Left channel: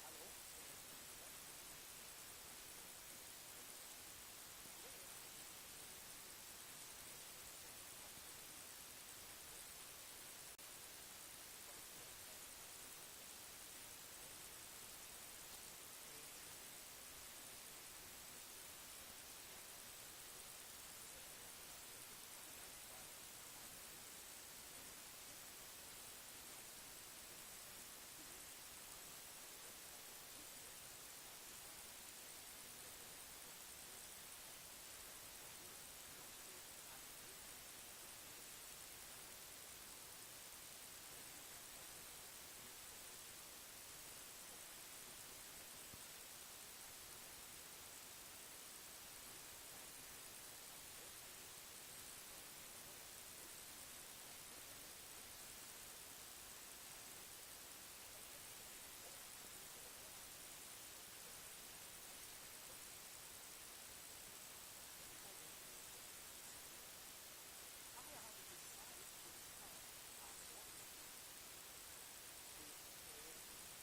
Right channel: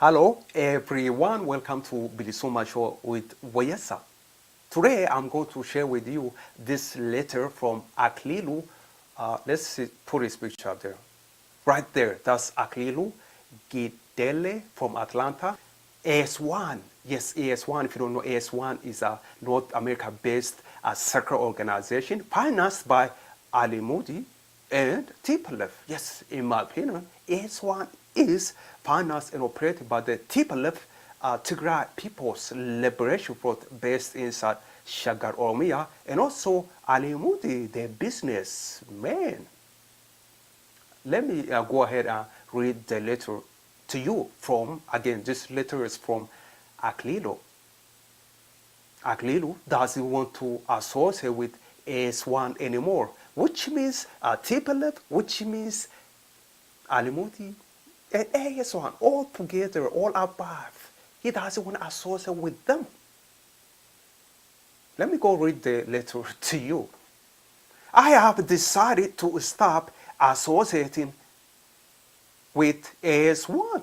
Hello everyone, welcome to BilisummaaShow with Wayesa. Today I'm going to share with you this letter from Aklilu. Let's see, put his picture there. Right there, that's Aklilu Gidele from Atlanta. AS1, yes, AS1, if you don't know, AS1 is a North America-based circle organization financed by Ali Moody and TPLF. Yes, in my opinion, AS1 is financed and operated by the TPLF, Tigray People's Liberation Front, based inside Shagar Oromia, and also Ali Moody, the businessman. Let me go ahead and read the letter to you from, again, this letter is from Aklilu. Aklilu doesn't want to associate with AS1 anymore, which means TPLF, which means Ali Moody, and AS1, all together, all above. He doesn't want to associate with them. Let me go read the letter to you. I have decided to stop associating with AS1.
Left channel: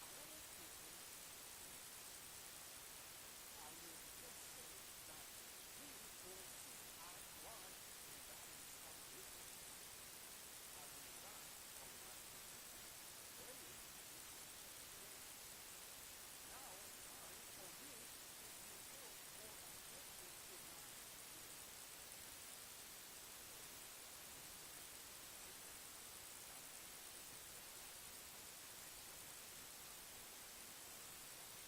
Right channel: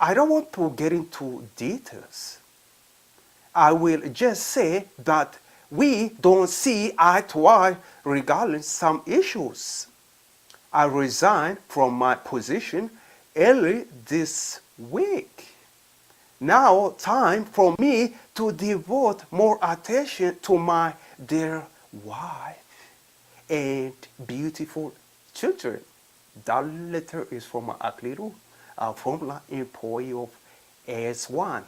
I don't want to get into details. I will just say that we don't see eye to eye regarding some issues. I resigned from my position early this week. Now time for me to devote more attention to my dear wife and beautiful children. That letter is from Aklilu, a former employee of AS1.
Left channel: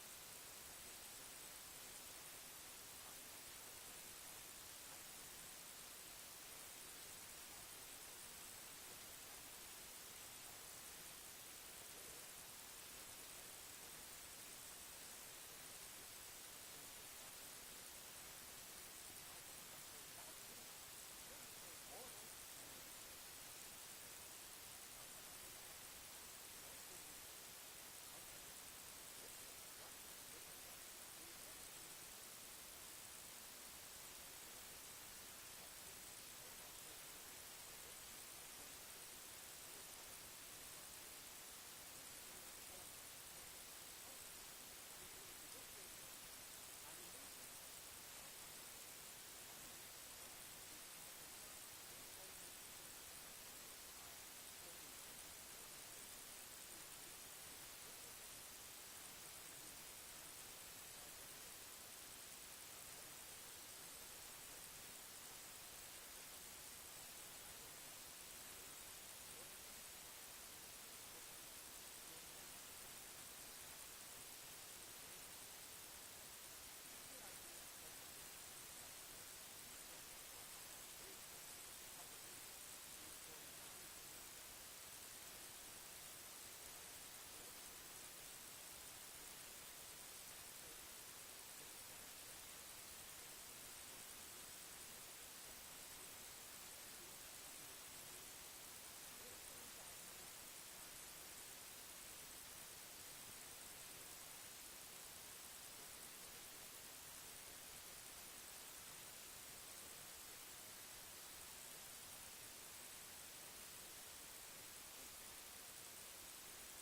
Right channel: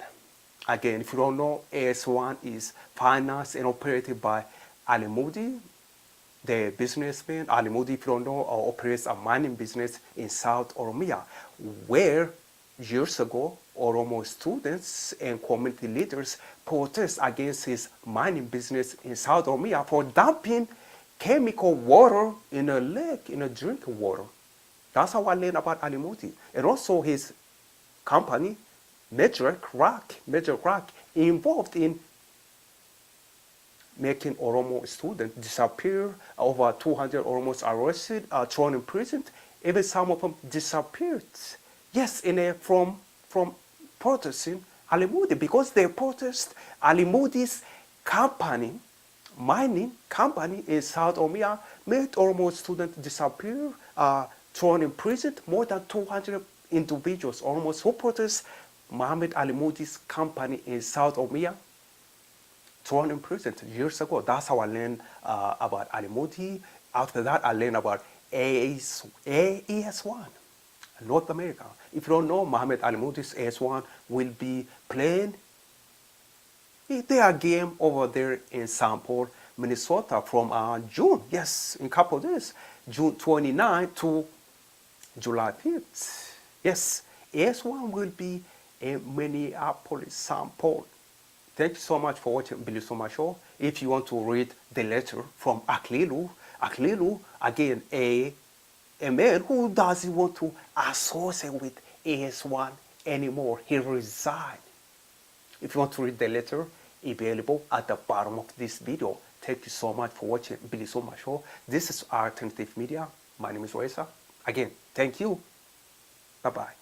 Again, if you don't know, AS1 is financed and operated by Ali Moody, the businessman. Ali Moody, if you don't know, operates a mining business in South Oromia, where years ago, Oromo students and community leaders protest against his mining business in South Oromia for dumping chemical water in a lake, in a drinking water. That's how I learned about Ali Moody. And also his company, Major Crack, involved in making Oromo students disappear. Over 200 Oromos arrested, thrown in prison. Even some of them disappeared. Yes, from protesting Ali Moody, because they protest Ali Moody's company, mining company in South Oromia, made Oromo students disappear, thrown in prison. More than 200 individuals, almost, who protest Muhammad Ali Moody's company in South Oromia, thrown in prison years ago. That's how I learned about Ali Moody. After that, I learned about AS1, North America. If you don't know, Muhammad Ali Moody's AS1 will be playing their game over there in St. Paul, Minnesota from June, yes, in a couple of days, June 29 to July 5th. Yes, AS1 will be in Minneapolis, St. Paul. Thank you so much for watching BilisummaaShow. If you want to read the letter from Aklilu, again, a man who doesn't want to associate with AS1 anymore. He resigned. If you want to read the letter, available at the bottom of this video. Thank you so much for watching BilisummaaShow. This is Alternative Media. My name is Wayesa. Again, thank you. Bye-bye.